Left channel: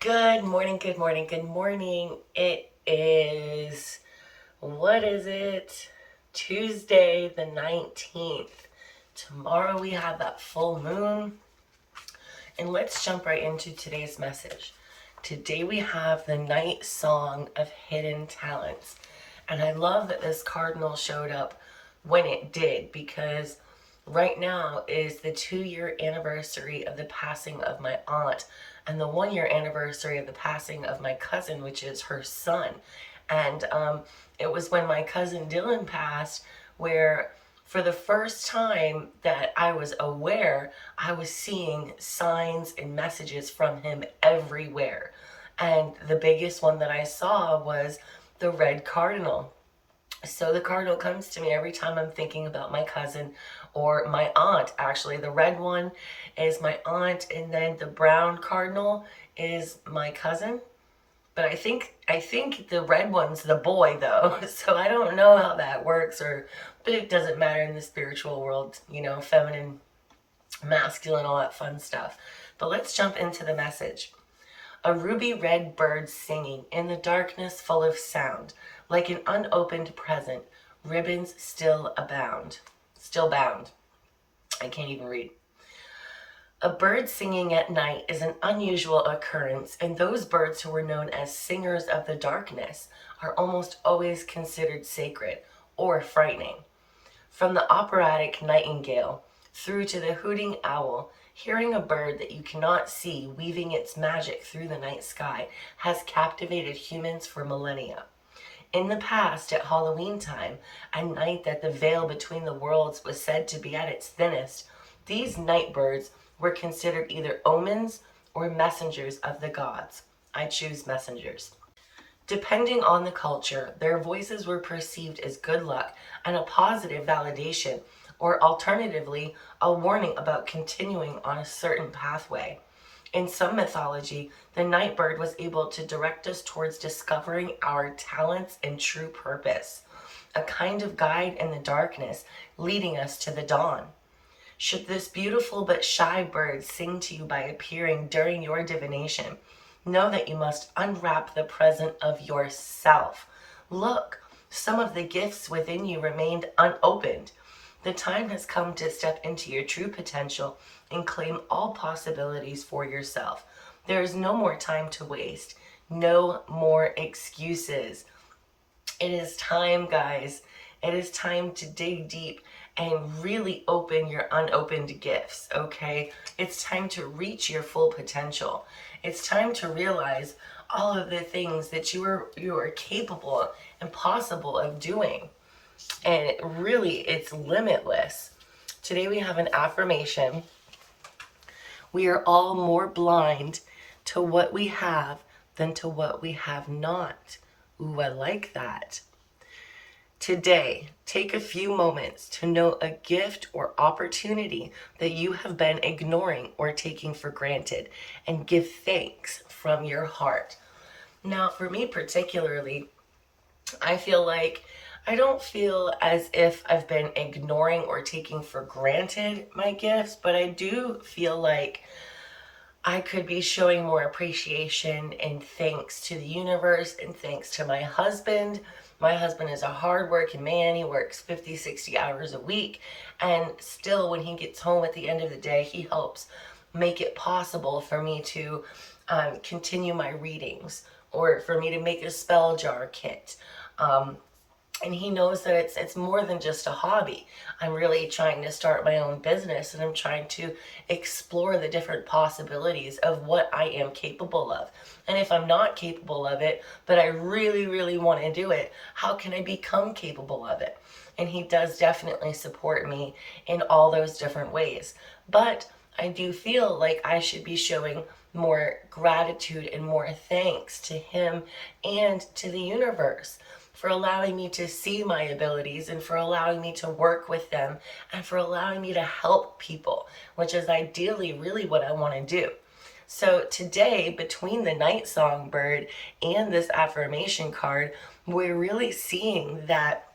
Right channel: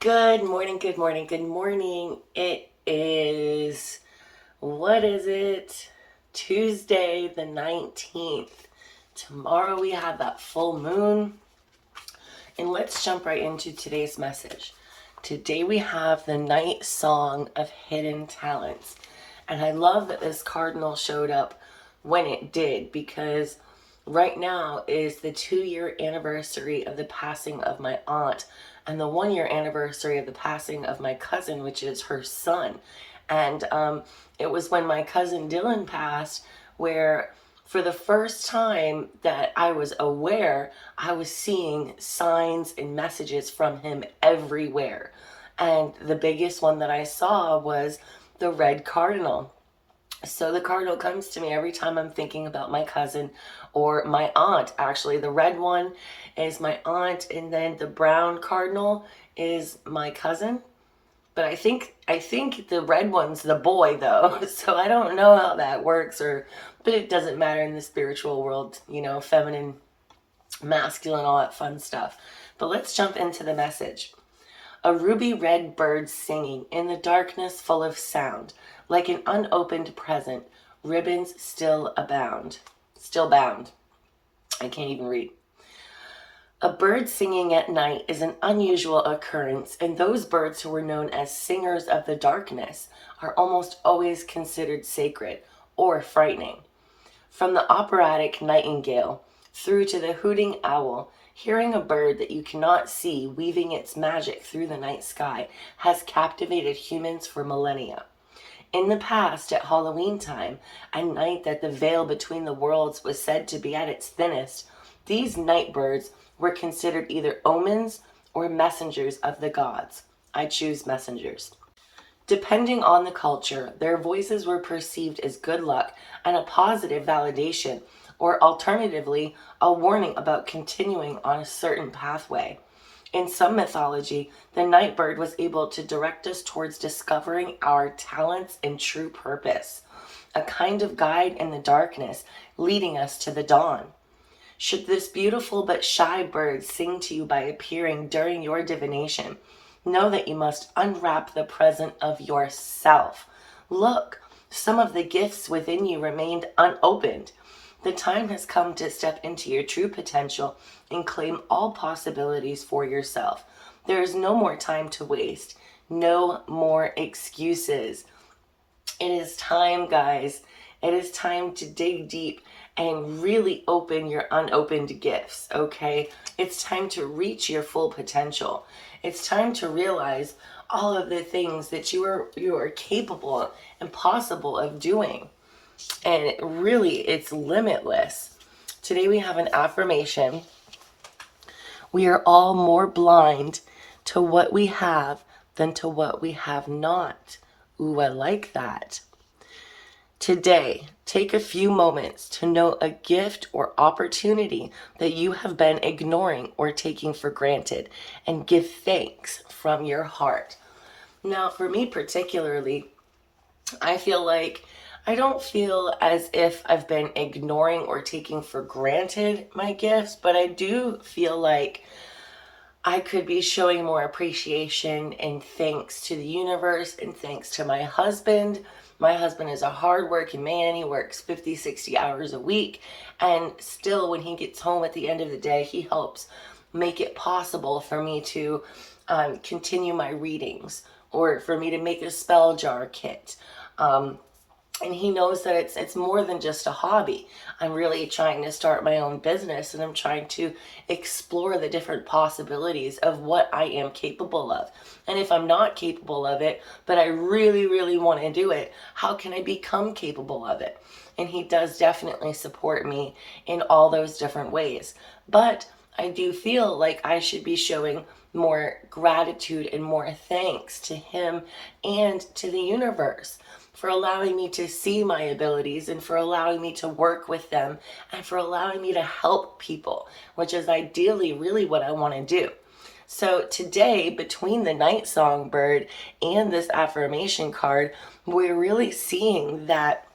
Good morning, good morning, good morning. It is, what is it? Tuesday the 19th. Tomorrow we have that full moon. And let's jump right into today's message. Today we have the night song of hidden talents. And I love that this cardinal showed up when it did because right now is the 2 year anniversary of the passing of my aunt and the 1 year anniversary of the passing of my cousin, which is her son. And it was when my cousin Dylan passed where for the first time that I was aware, I was seeing signs and messages from him everywhere. And the biggest one that I saw was the red cardinal. So the cardinal comes to me every time I'm thinking about my cousin or my aunt. Actually, the red one is my aunt, and then the brown cardinal is my cousin. But I think the red one's the boy though. So I don't know how that works or but it doesn't matter in the spiritual world, feminine, masculine, all that fun stuff. But let's jump into the message. A ruby red bird singing in the darkness full of sound, like an unopened present, ribbons still abound. Still bound. I can't even read. A bird singing at night is an unusual occurrence, and those birds who were known as singers of the darkness are almost always considered sacred or frightening. From the operatic nightingale through to the hooting owl, hearing a bird that you cannot see weaving its magic through the night sky has captivated humans for millennia. In the past, at Halloween time, a night that the veil between the worlds was said to be at its thinnest, these night birds were considered either omens or messengers of the gods. I choose messengers. Depending on the culture, their voices were perceived as good luck and a positive validation, or alternatively, a warning about continuing on a certain pathway. In some mythology, the night bird was able to direct us towards discovering our talents and true purpose, a kind of guide in the darkness, leading us to the dawn. Should this beautiful but shy bird sing to you by appearing during your divination, know that you must unwrap the present of yourself. Look, some of the gifts within you remained unopened. The time has come to step into your true potential and claim all possibilities for yourself. There is no more time to waste. No more excuses. It is time, guys. It is time to dig deep and really open your unopened gifts, okay? It's time to reach your full potential. It's time to realize all of the things that you are capable and possible of doing. And really, it's limitless. Today we have an affirmation. We are all more blind to what we have than to what we have not. Ooh, I like that. Today, take a few moments to note a gift or opportunity that you have been ignoring or taking for granted and give thanks from your heart. Now, for me particularly, I feel like I don't feel as if I've been ignoring or taking for granted my gifts, but I do feel like I could be showing more appreciation and thanks to the universe and thanks to my husband. My husband is a hardworking man. He works 50, 60 hours a week. And still, when he gets home at the end of the day, he helps make it possible for me to continue my readings or for me to make a spell jar kit. And he knows that it's more than just a hobby. I'm really trying to start my own business and I'm trying to explore the different possibilities of what I am capable of. And if I'm not capable of it, but I really, really want to do it, how can I become capable of it? And he does definitely support me in all those different ways. But I do feel like I should be showing more gratitude and more thanks to him and to the universe for allowing me to see my abilities and for allowing me to work with them and for allowing me to help people, which is ideally really what I want to do. So today, between the night songbird and this affirmation card, we're really seeing that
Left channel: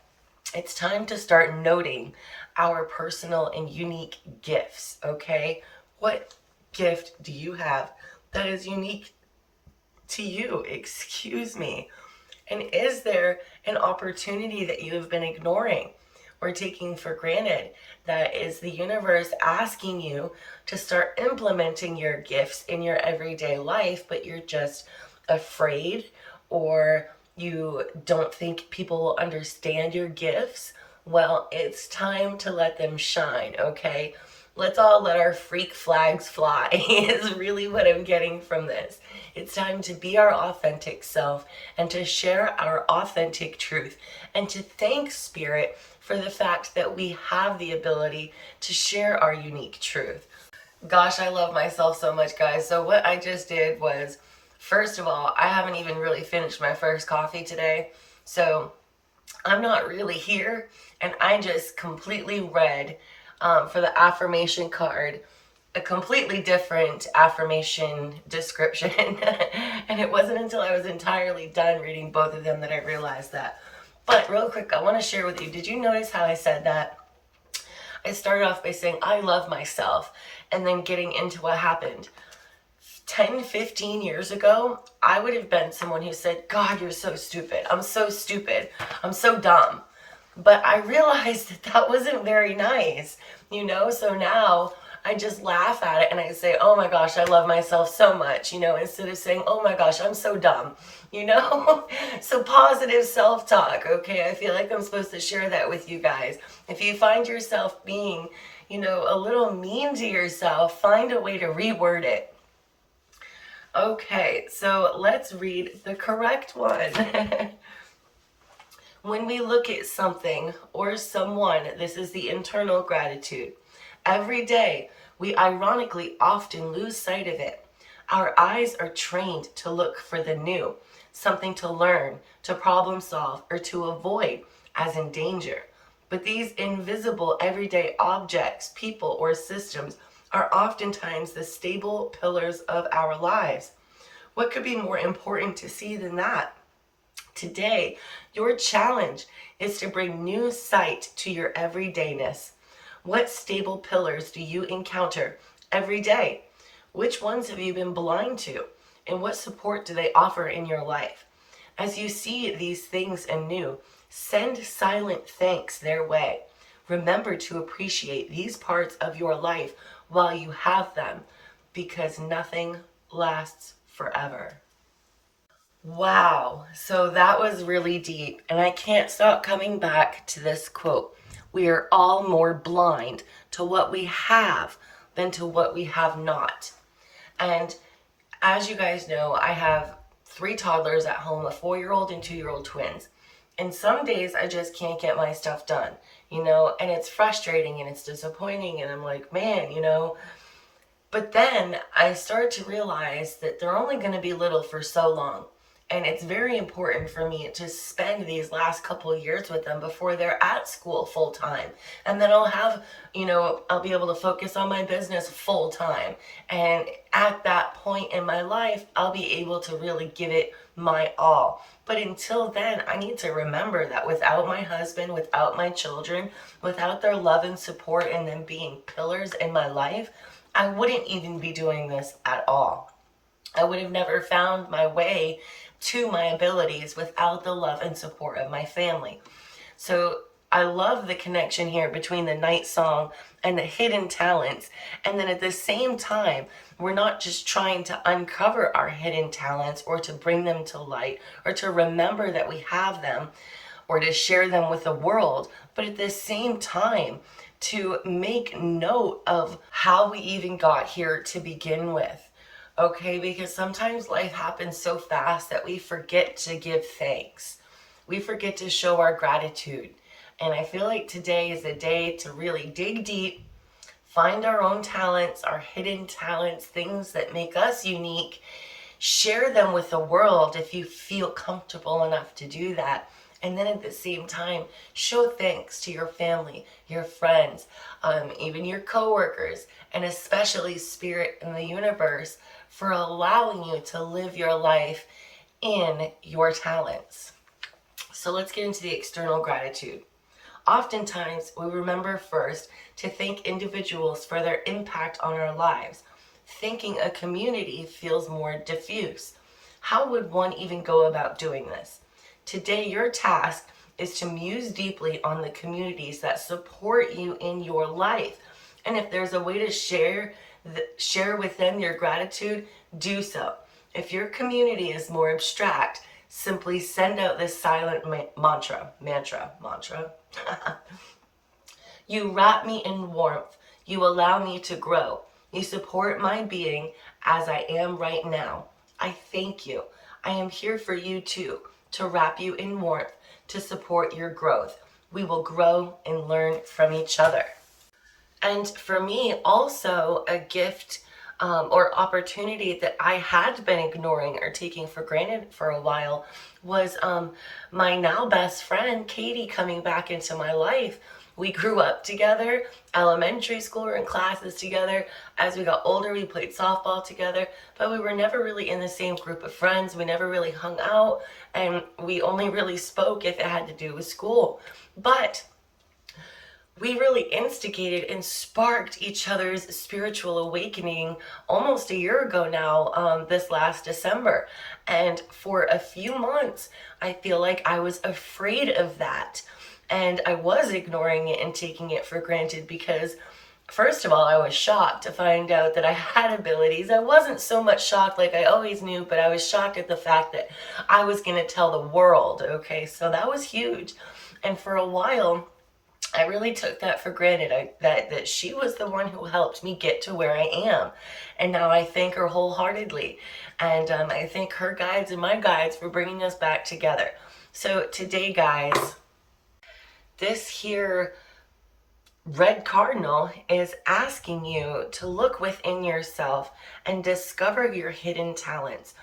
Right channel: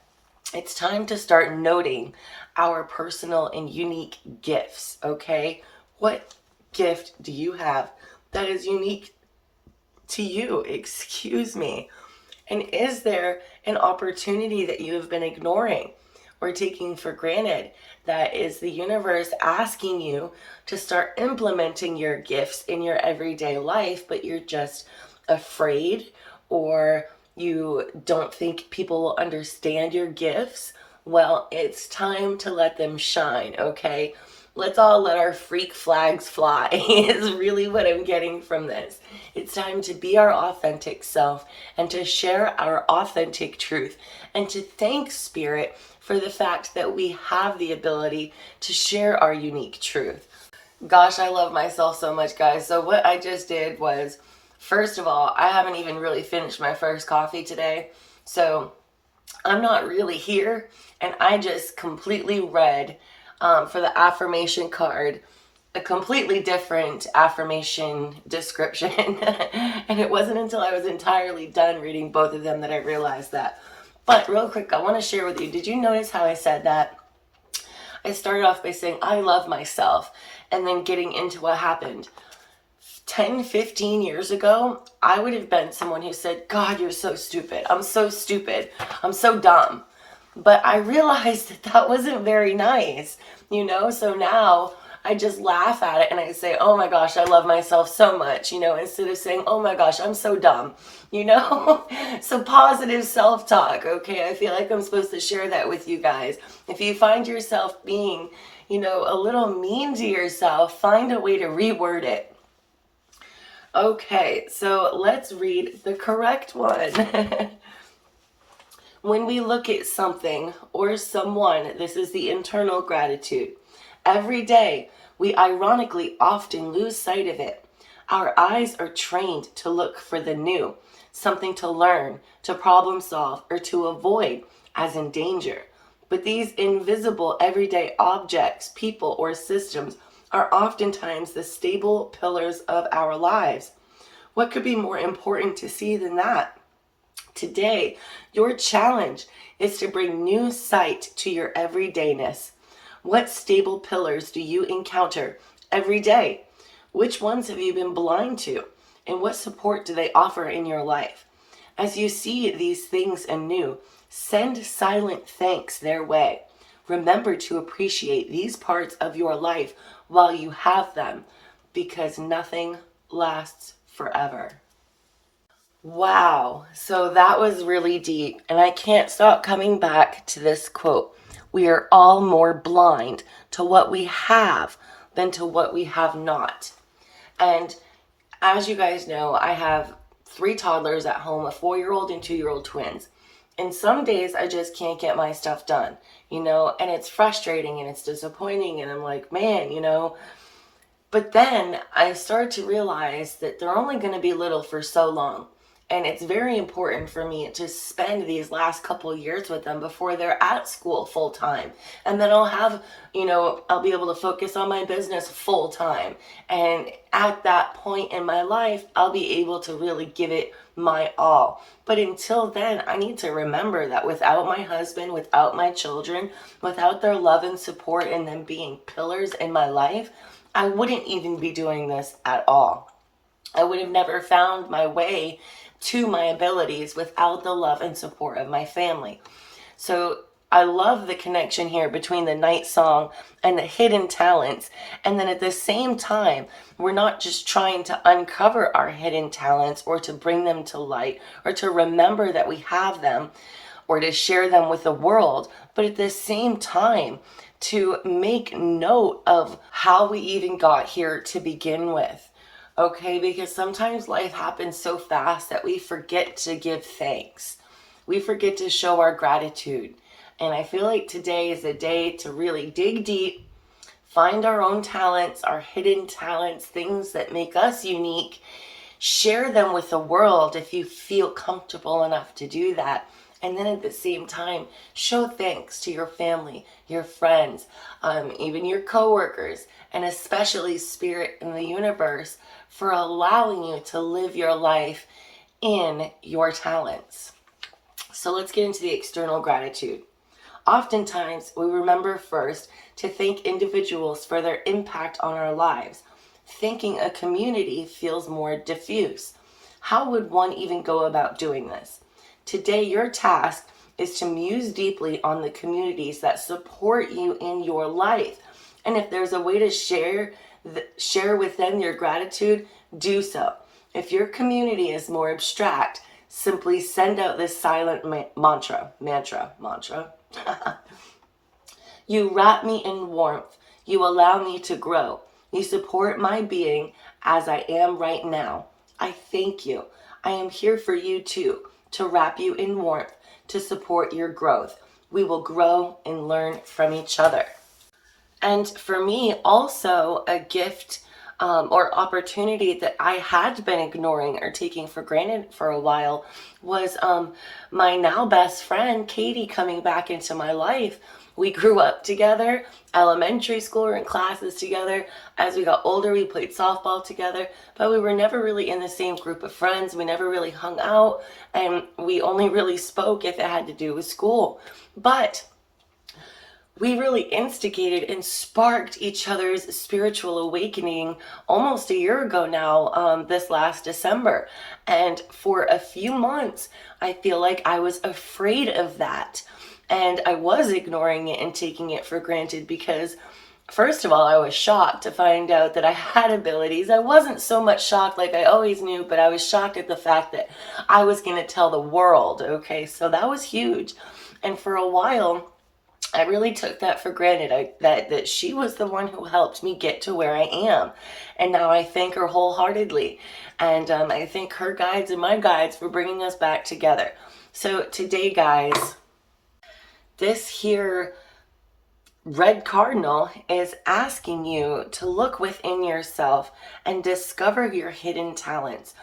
it's time to start noting our personal and unique gifts, okay? What gift do you have that is unique to you? Excuse me. And is there an opportunity that you have been ignoring or taking for granted that is the universe asking you to start implementing your gifts in your everyday life, but you're just afraid, or you don't think people will understand your gifts? Well, it's time to let them shine, okay? Let's all let our freak flags fly is really what I'm getting from this. It's time to be our authentic self and to share our authentic truth and to thank Spirit for the fact that we have the ability to share our unique truth. Gosh, I love myself so much, guys. So what I just did was, first of all, I haven't even really finished my first coffee today. So I'm not really here, and I just completely read for the affirmation card a completely different affirmation description. And it wasn't until I was entirely done reading both of them that I realized that. But real quick, I want to share with you, did you notice how I said that? I started off by saying I love myself, and then getting into what happened. 10, 15 years ago, I would have been someone who said, God, you're so stupid. I'm so stupid. I'm so dumb. But I realized that that wasn't very nice, So now I just laugh at it and I say, oh my gosh, I love myself so much, instead of saying, oh my gosh, I'm so dumb, So positive self-talk, okay? I feel like I'm supposed to share that with you guys. If you find yourself being, a little mean to yourself, find a way to reword it. Okay, so let's read the correct one. When we look at something or someone, this is the internal gratitude. Every day, we ironically often lose sight of it. Our eyes are trained to look for the new, something to learn, to problem solve, or to avoid, as in danger. But these invisible everyday objects, people, or systems are oftentimes the stable pillars of our lives. What could be more important to see than that? Today, your challenge is to bring new sight to your everydayness. What stable pillars do you encounter every day? Which ones have you been blind to? And what support do they offer in your life? As you see these things anew, send silent thanks their way. Remember to appreciate these parts of your life while you have them, because nothing lasts forever. Wow, so that was really deep, and I can't stop coming back to this quote. We are all more blind to what we have than to what we have not. And as you guys know, I have 3 toddlers at home, a 4-year-old and 2-year-old twins. And some days I just can't get my stuff done, and it's frustrating and it's disappointing, and I'm like, man, But then I start to realize that they're only going to be little for so long. And it's very important for me to spend these last couple of years with them before they're at school full time. And then I'll have, I'll be able to focus on my business full time. And at that point in my life, I'll be able to really give it my all. But until then, I need to remember that without my husband, without my children, without their love and support and them being pillars in my life, I wouldn't even be doing this at all. I would have never found my way to my abilities without the love and support of my family. So I love the connection here between the night song and the hidden talents. And then at the same time, we're not just trying to uncover our hidden talents or to bring them to light or to remember that we have them or to share them with the world, but at the same time, to make note of how we even got here to begin with. Okay, because sometimes life happens so fast that we forget to give thanks. We forget to show our gratitude. And I feel like today is a day to really dig deep, find our own talents, our hidden talents, things that make us unique, share them with the world if you feel comfortable enough to do that. And then at the same time, show thanks to your family, your friends, even your coworkers, and especially Spirit in the universe for allowing you to live your life in your talents. So let's get into the external gratitude. Oftentimes, we remember first to thank individuals for their impact on our lives. Thanking a community feels more diffuse. How would one even go about doing this? Today, your task is to muse deeply on the communities that support you in your life. And if there's a way to share with them your gratitude, do so. If your community is more abstract, simply send out this silent mantra. You wrap me in warmth. You allow me to grow. You support my being as I am right now. I thank you. I am here for you too, to wrap you in warmth, to support your growth. We will grow and learn from each other. And for me, also a gift or opportunity that I had been ignoring or taking for granted for a while was my now best friend, Katie, coming back into my life. We grew up together, elementary school, we were in classes together. As we got older, we played softball together, but we were never really in the same group of friends. We never really hung out, and we only really spoke if it had to do with school. But we really instigated and sparked each other's spiritual awakening almost a year ago now, this last December. And for a few months, I feel like I was afraid of that. And I was ignoring it and taking it for granted because, first of all, I was shocked to find out that I had abilities. I wasn't so much shocked like I always knew, but I was shocked at the fact that I was going to tell the world. Okay, so that was huge. And for a while, I really took that for granted, that she was the one who helped me get to where I am. And now I thank her wholeheartedly. And I thank her guides and my guides for bringing us back together. So today, guys, this here red cardinal is asking you to look within yourself and discover your hidden talents.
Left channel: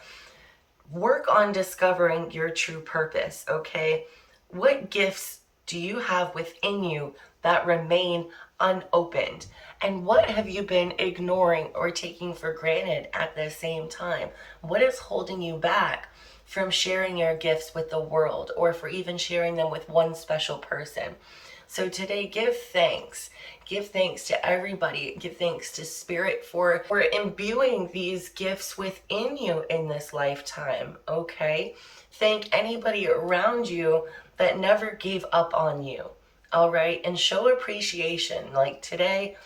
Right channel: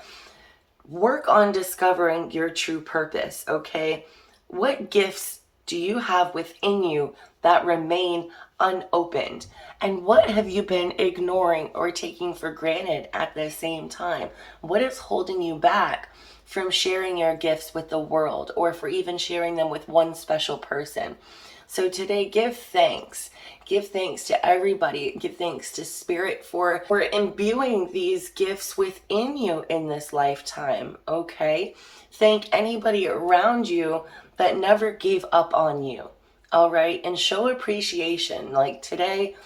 Work on discovering your true purpose, okay? What gifts do you have within you that remain unopened? And what have you been ignoring or taking for granted at the same time? What is holding you back from sharing your gifts with the world, or for even sharing them with one special person? So today, give thanks. Give thanks to everybody. Give thanks to Spirit for imbuing these gifts within you in this lifetime, okay? Thank anybody around you that never gave up on you, all right? And show appreciation. Like today,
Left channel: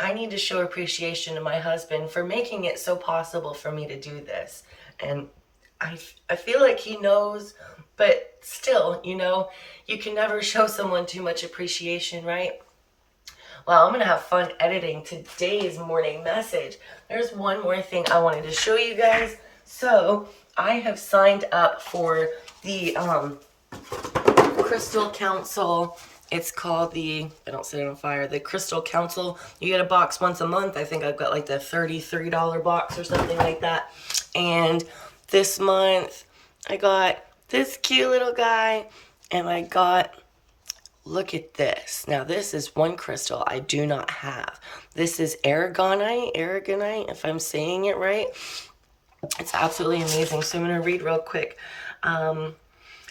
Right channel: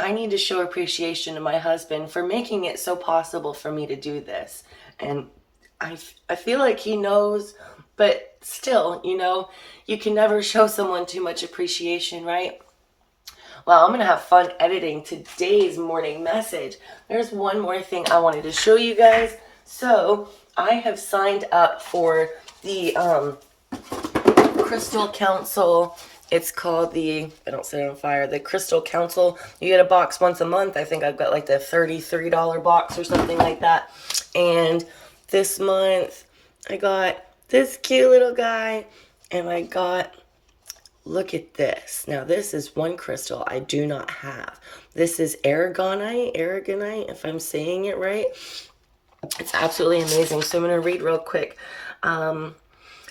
I need to show appreciation to my husband for making it so possible for me to do this. And I feel like he knows, but still, you can never show someone too much appreciation, right? Well, I'm going to have fun editing today's morning message. There's one more thing I wanted to show you guys. So I have signed up for the Crystal Council. It's called I don't set it on fire, the Crystal Council. You get a box once a month. I think I've got like the $33 box or something like that. And this month I got this cute little guy, and I got, look at this. Now this is one crystal I do not have. This is aragonite, if I'm saying it right. It's absolutely amazing. So I'm going to read real quick.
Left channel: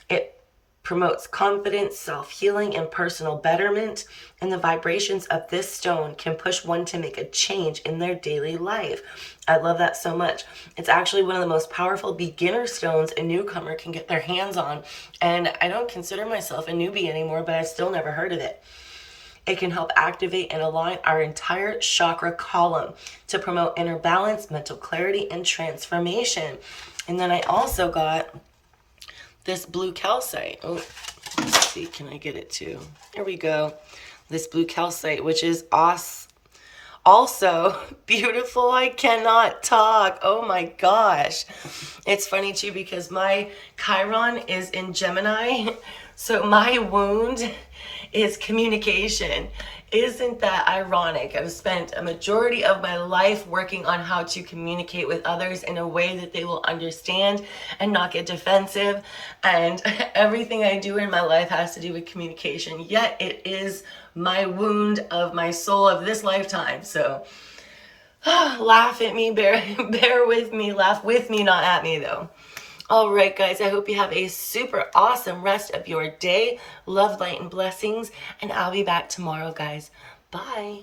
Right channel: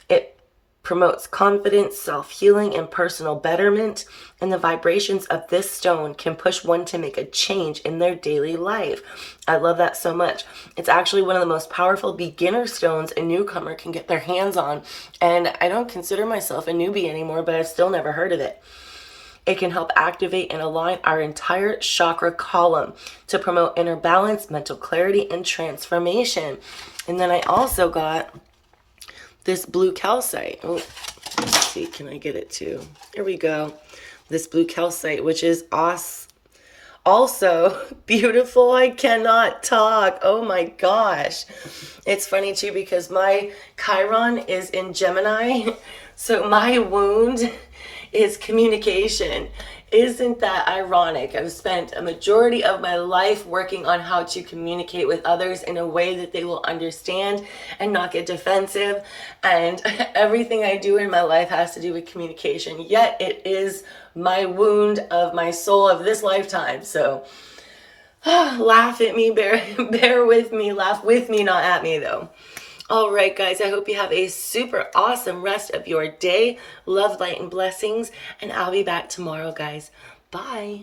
It promotes confidence, self-healing, and personal betterment. And the vibrations of this stone can push one to make a change in their daily life. I love that so much. It's actually one of the most powerful beginner stones a newcomer can get their hands on. And I don't consider myself a newbie anymore, but I've still never heard of it. It can help activate and align our entire chakra column to promote inner balance, mental clarity, and transformation. And then I also got this blue calcite. Oh, let's see, can I get it too? There we go. This blue calcite, which is also beautiful. I cannot talk. Oh my gosh. It's funny too because my Chiron is in Gemini. So my wound is communication. Isn't that ironic? I've spent a majority of my life working on how to communicate with others in a way that they will understand and not get defensive. And everything I do in my life has to do with communication. Yet it is my wound of my soul of this lifetime. So laugh at me, bear with me, laugh with me, not at me though. All right, guys, I hope you have a super awesome rest of your day. Love, light, and blessings. And I'll be back tomorrow, guys. Bye.